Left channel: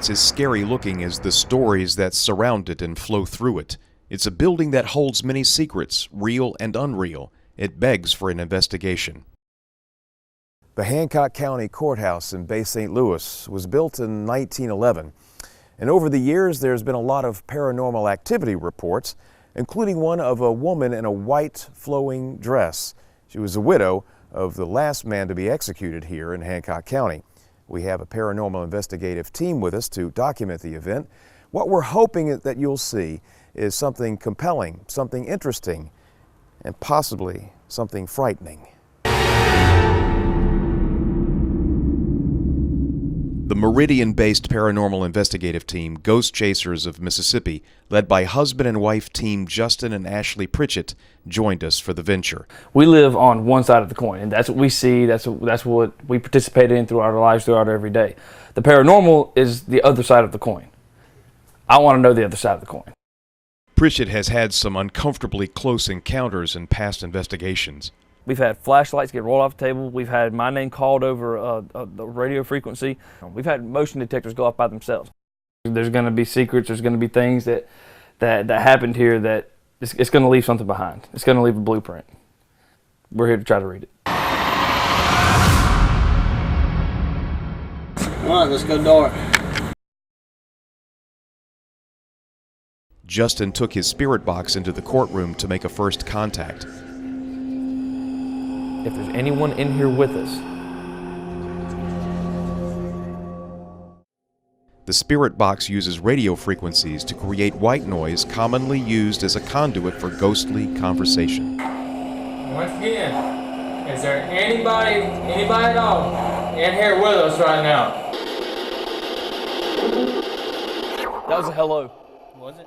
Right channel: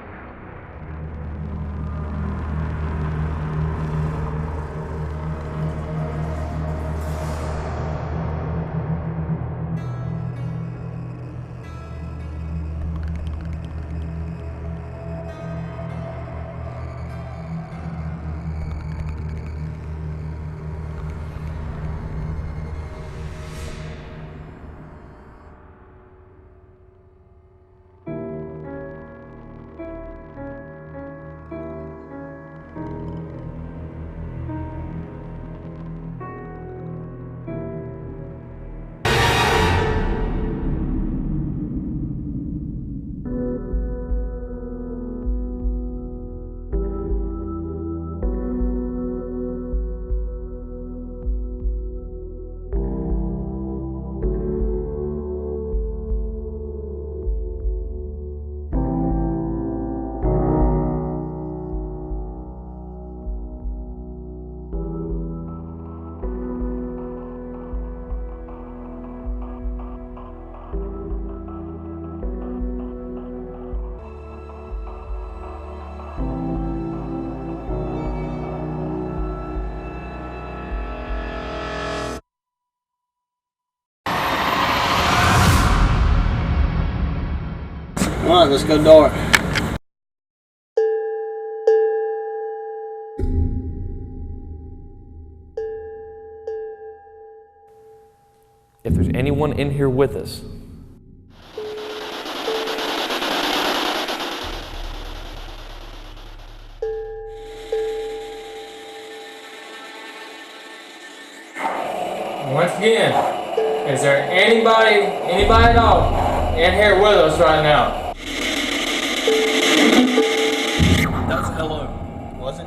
it's as scary looking as the stories that surround it and flow through it. It's a building that holds many secrets, real and unreal. It begs for an investigation. The Hancock County Courthouse in Bay St. Louis was built in 1911. And over the years, there's been a lot of paranormal activity reports, including one of a woman in a white flowing dress. She was a widow of the last man to be executed here in Hancock County. We have a paranormal investigative team with us to document the event. What we're hoping that you'll see is something compelling, something interesting, and possibly something frightening. The Meridian-based paranormal investigative team, Ghost Chasers of Mississippi, led by husband and wife team Justin and Ashley Pritchett, joined us for the venture. We live on one side of the coin, and that's what we see, that's what we participate in throughout our lives, throughout our every day. The paranormal is the other side of the coin. I want to know the other side of the coin. Pritchett has had some uncomfortably close encounters in past investigations. We've had flashlights get rolled off the table. We've had my name called over a radio frequency. We've had motion detectors go off by themselves. There's going to be secrets. There's going to be things that happened here that it's going to leave something behind. It's going to leave a blueprint. We're here to try to read it. All right, let's go dark. Justin took his spirit box into the courtroom to make a first contact. If there's anyone in here with us, the spirit box uses radio frequencies to create white noise commonly used as a conduit for ghostly conversation. Once again, is there anybody at all in here with us right now? that was a hello. Was it?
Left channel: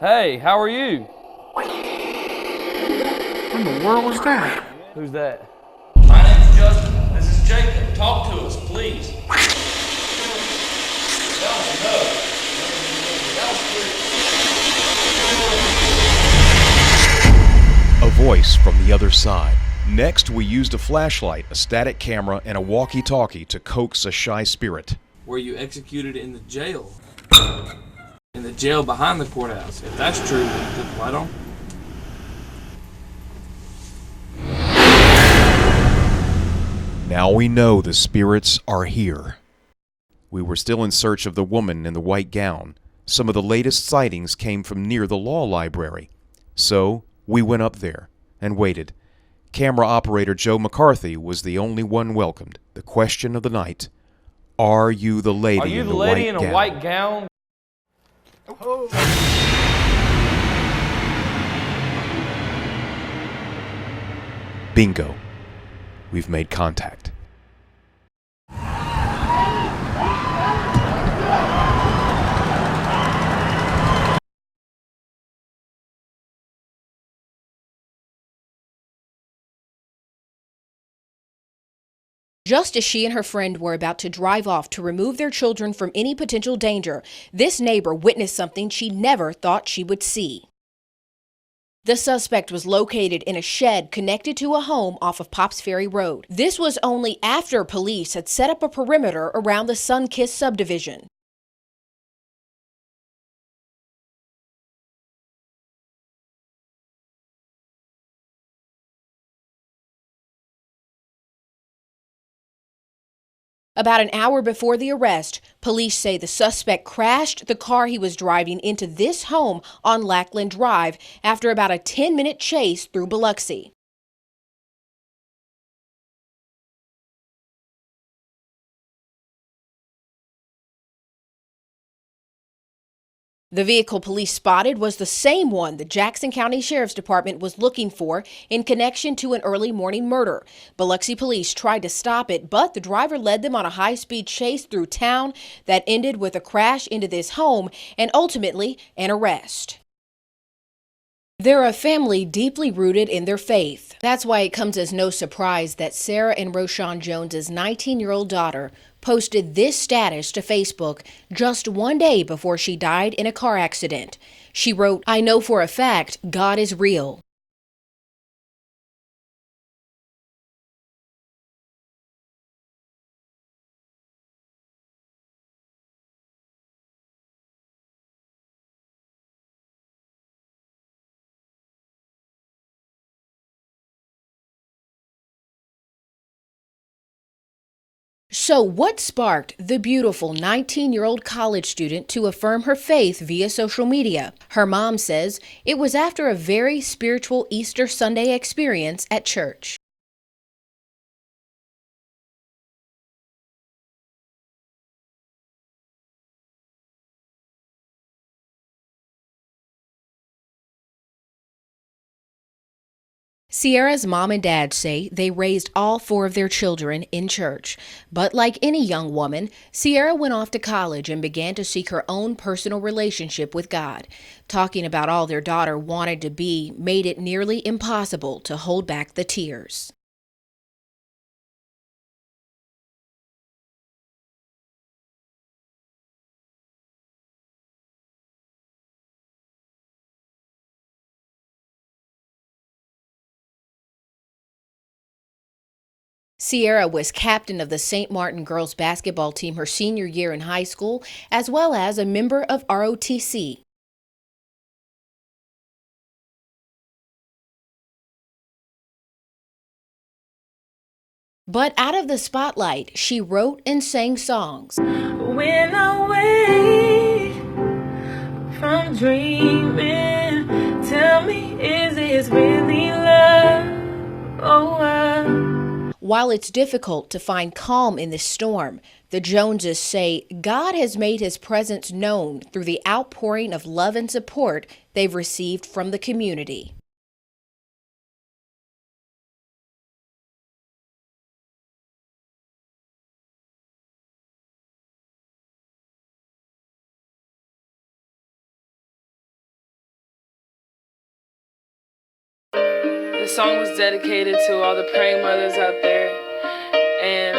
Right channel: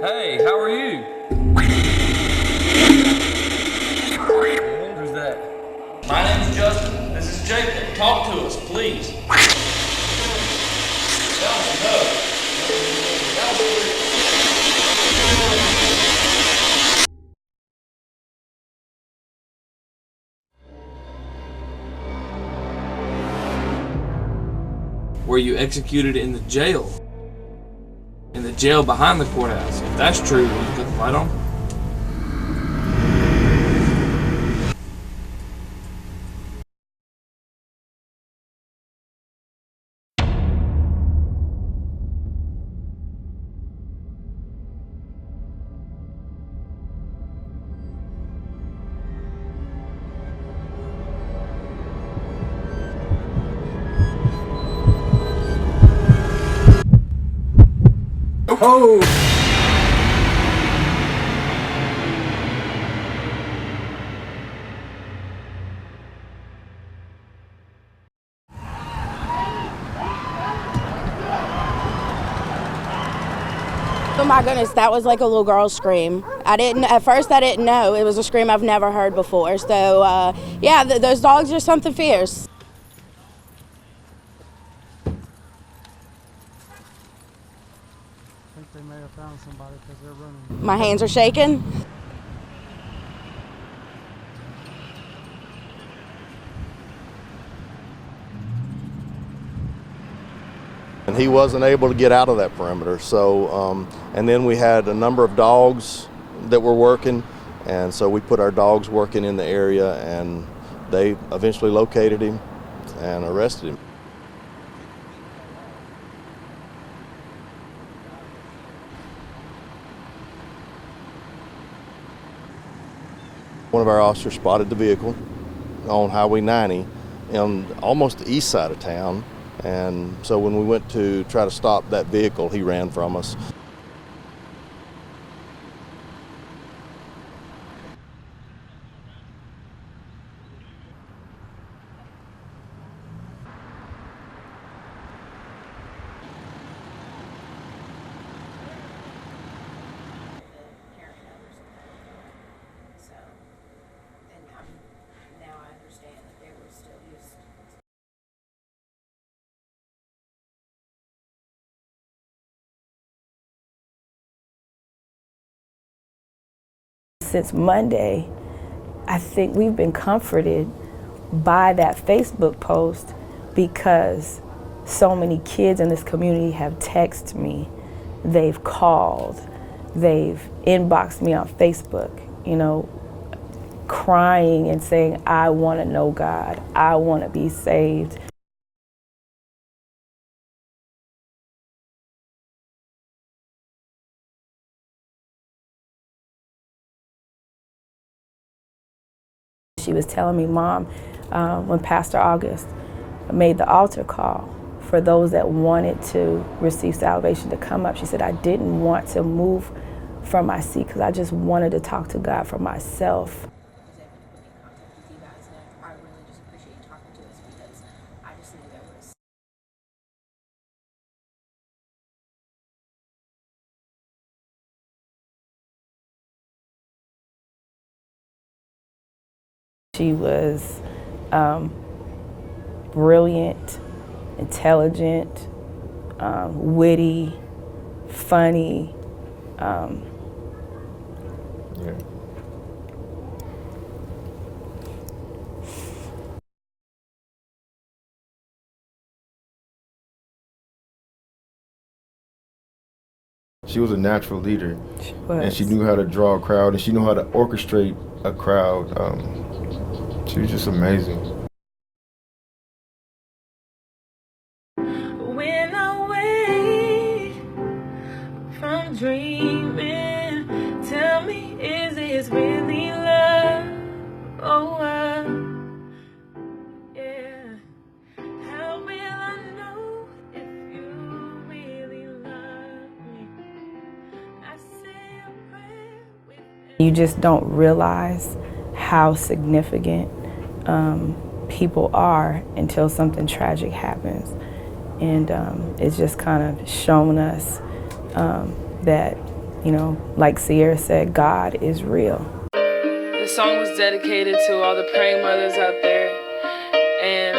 Hey, how are you? What in the world was that? Who's that? My name's Justin. This is Jacob. Talk to us, please. A voice from the other side. Next, we used a flashlight, a static camera, and a walkie-talkie to coax a shy spirit. Were you executed in the jail? In the jail behind the courthouse? If that's true, will you put the light on? Now we know the spirits are here. We were still in search of the woman in the white gown. Some of the latest sightings came from near the law library. So we went up there and waited. Camera operator Joe McCarthy was the only one welcomed. The question of the night: are you the lady? Are you the lady in a white gown? Oh! Bingo. We've made contact. Oh my goodness, that was like a little girl's scream. At first I didn't know. It was a scream I've never heard before. So yeah, those dogs are something fierce. Just as she and her friend were about to drive off to remove their children from any potential danger, this neighbor witnessed something she never thought she would see. My hands are shaking. The suspect was located in a shed connected to a home off of Pops Ferry Road. This was only after police had set up a perimeter around the Sunkist subdivision. And he wasn't able to get out of that perimeter. So, and then we had a number of dogs that were working, and so we put our dogs working in the area, and they eventually located him and arrested him. About an hour before the arrest, police say the suspect crashed the car he was driving into this home on Lackland Drive after about a 10-minute chase through Biloxi. One of our officers spotted the vehicle on Highway 90 on almost the east side of town. And so when we went to try to stop that vehicle, he ran from us. The vehicle police spotted was the same one the Jackson County Sheriff's Department was looking for in connection to an early morning murder. Biloxi police tried to stop it, but the driver led them on a high-speed chase through town that ended with a crash into this home and ultimately an arrest. They're a family deeply rooted in their faith. That's why it comes as no surprise that Sarah and Roshan Jones's 19-year-old daughter posted this status to Facebook just one day before she died in a car accident. She wrote, "I know for a fact God is real." Since Monday, I think we've been comforted by that Facebook post because so many kids in this community have texted me, they've called, they've inboxed me on Facebook, you know, crying and saying, I want to know God, I want to be saved. So what sparked the beautiful 19-year-old college student to affirm her faith via social media? Her mom says it was after a very spiritual Easter Sunday experience at church. She was telling me, Mom, when Pastor August made the altar call for those that wanted to receive salvation to come up, she said, I didn't want to move from my seat because I just wanted to talk to God for myself. Sierra's mom and dad say they raised all 4 of their children in church. But like any young woman, Sierra went off to college and began to seek her own personal relationship with God. Talking about all their daughter wanted to be made it nearly impossible to hold back the tears. She was brilliant, intelligent, witty, funny. Sierra was captain of the St. Martin girls basketball team her senior year in high school, as well as a member of ROTC. She was a natural leader, and she Was. knew how to draw a crowd, and she knew how to orchestrate a crowd. She was just amazing. But out of the spotlight, she wrote and sang songs. When I wake from dreaming, tell me, is this really love? While it's difficult to find calm in this storm, the Joneses say God has made his presence known through the outpouring of love and support they've received from the community. You just don't realize how significant people are until something tragic happens. And it's just kind of shown us that, you know, like Sierra said, God is real. This song was dedicated to all the praying mothers out there. And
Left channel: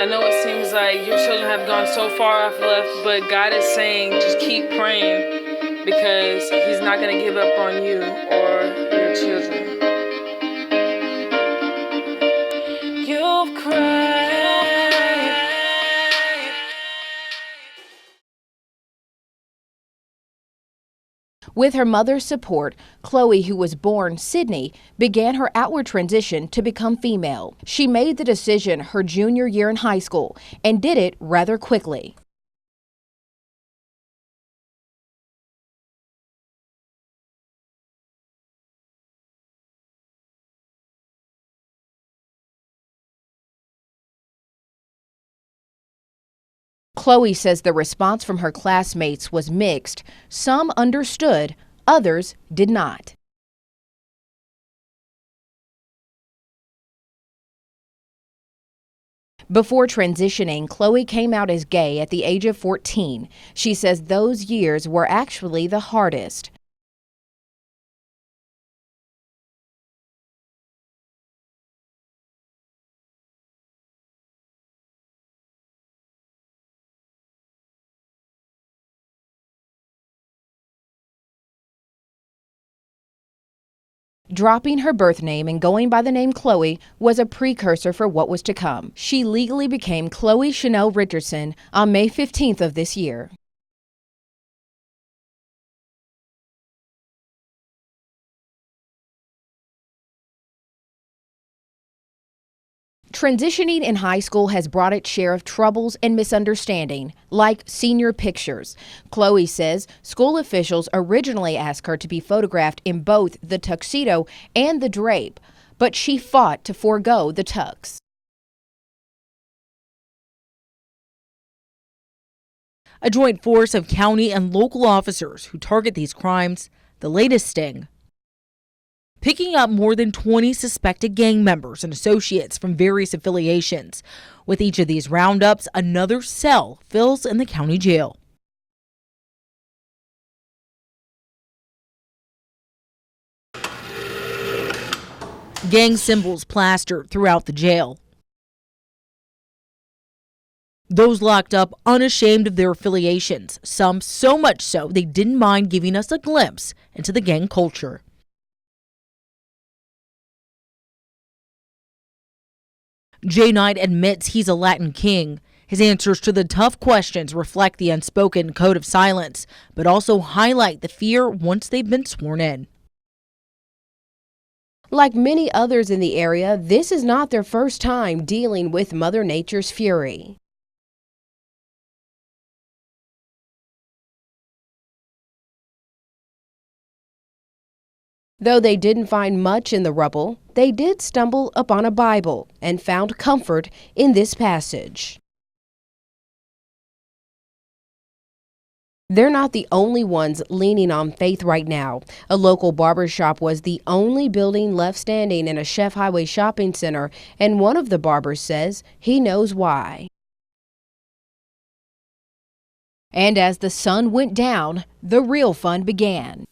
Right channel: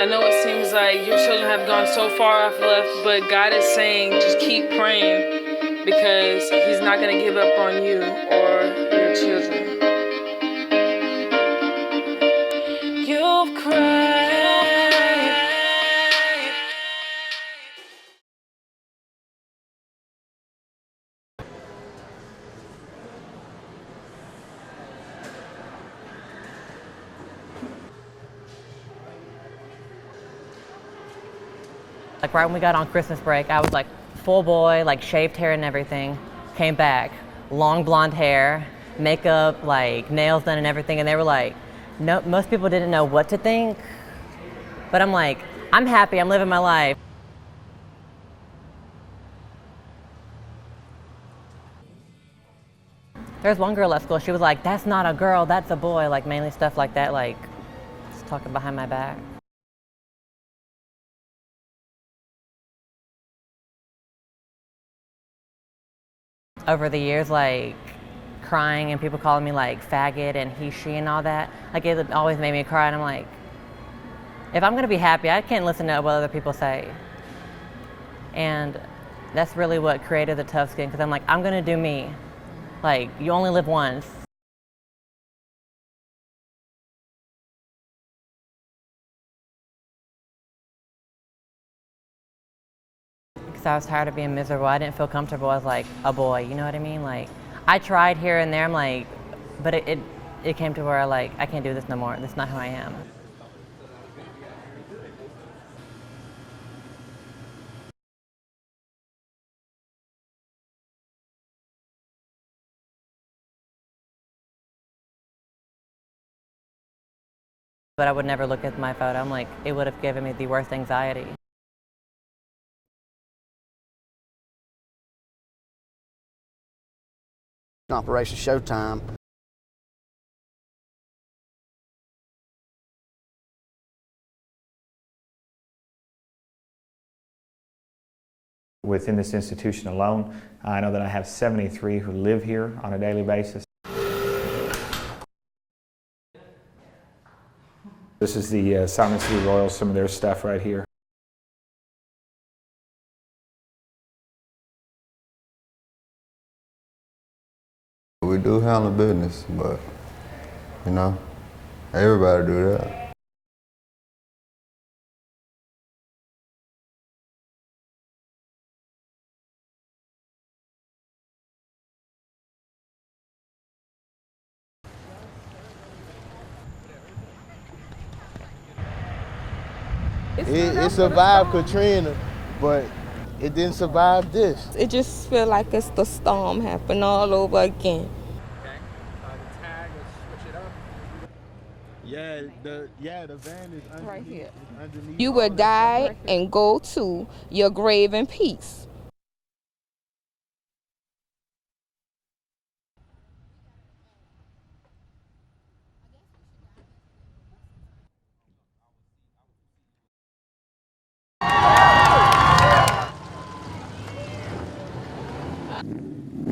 I know it seems like your children have gone so far off left, but God is saying just keep praying because he's not going to give up on you or your children. You've cried. With her mother's support, Chloe, who was born Sydney, began her outward transition to become female. She made the decision her junior year in high school and did it rather quickly. Like right when we got on Christmas break, I was like full boy, like shaved hair and everything. Came back, long blonde hair, makeup, like nails done and everything, and they were like, no, most people didn't know what to think, but I'm like, I'm happy, I'm living my life. Chloe says the response from her classmates was mixed. Some understood, others did not. There's one girl at school, she was like, that's not a girl, that's a boy, like mainly stuff like that, like just talking behind my back. Before transitioning, Chloe came out as gay at the age of 14. She says those years were actually the hardest. Over the years, like crying and people calling me like faggot and he, she and all that, like it always made me cry, and I'm like, if I'm gonna be happy, I can't listen to what other people say. And that's really what created the Tough Skin, because I'm like, I'm gonna do me. Like, you only live once. Dropping her birth name and going by the name Chloe was a precursor for what was to come. She legally became Chloe Chanel Richardson on May 15th of this year. Because I was tired of being miserable. I didn't feel comfortable as like a boy, you know what I mean? Like, I tried here and there, I'm like, but it came to where I can't do this no more. That's not who I am. Transitioning in high school has brought its share of troubles and misunderstanding, like senior pictures. Chloe says school officials originally asked her to be photographed in both the tuxedo and the drape, but she fought to forego the tux. But I would never look at my photo. I'm like, it would have given me the worst anxiety. A joint force of county and local officers who target these crimes. The latest sting, Operation Showtime, picking up more than 20 suspected gang members and associates from various affiliations. With each of these roundups, another cell fills in the county jail. Within this institution alone, I know that I have 73 who live here on a daily basis. Gang symbols plastered throughout the jail. This is the Simon City Royals, some of their stuff right here. Those locked up unashamed of their affiliations, some so much so they didn't mind giving us a glimpse into the gang culture. We do handle business, but, you know, everybody do that. Jay Knight admits he's a Latin king. His answers to the tough questions reflect the unspoken code of silence, but also highlight the fear once they've been sworn in. Like many others in the area, this is not their first time dealing with Mother Nature's fury. It survived Katrina, but it didn't survive this. It just feels like it's the storm happened all over again. Though they didn't find much in the rubble, they did stumble upon a Bible and found comfort in this passage. You will die and go to your grave in peace. They're not the only ones leaning on faith right now. A local barbershop was the only building left standing in a Chef Highway shopping center, and one of the barbers says he knows why. And as the sun went down, the real fun began.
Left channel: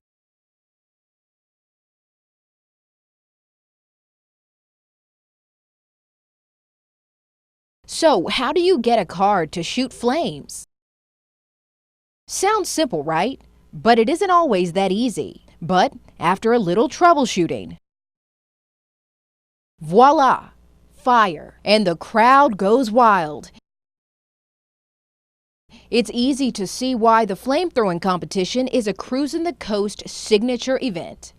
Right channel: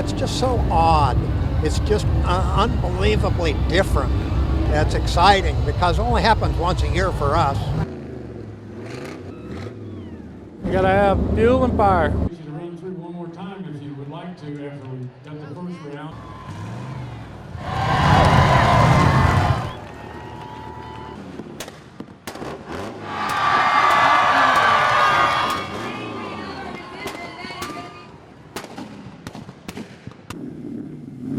It's just so odd. It's just unbelievably different. That's exciting because it only happens once a year for us. So how do you get a card to shoot flames? You gotta have fuel and fire. Sounds simple, right? But it isn't always that easy. But after a little troubleshooting, voila, fire, and the crowd goes wild. It's easy to see why the flamethrowing competition is a Cruising the Coast signature event.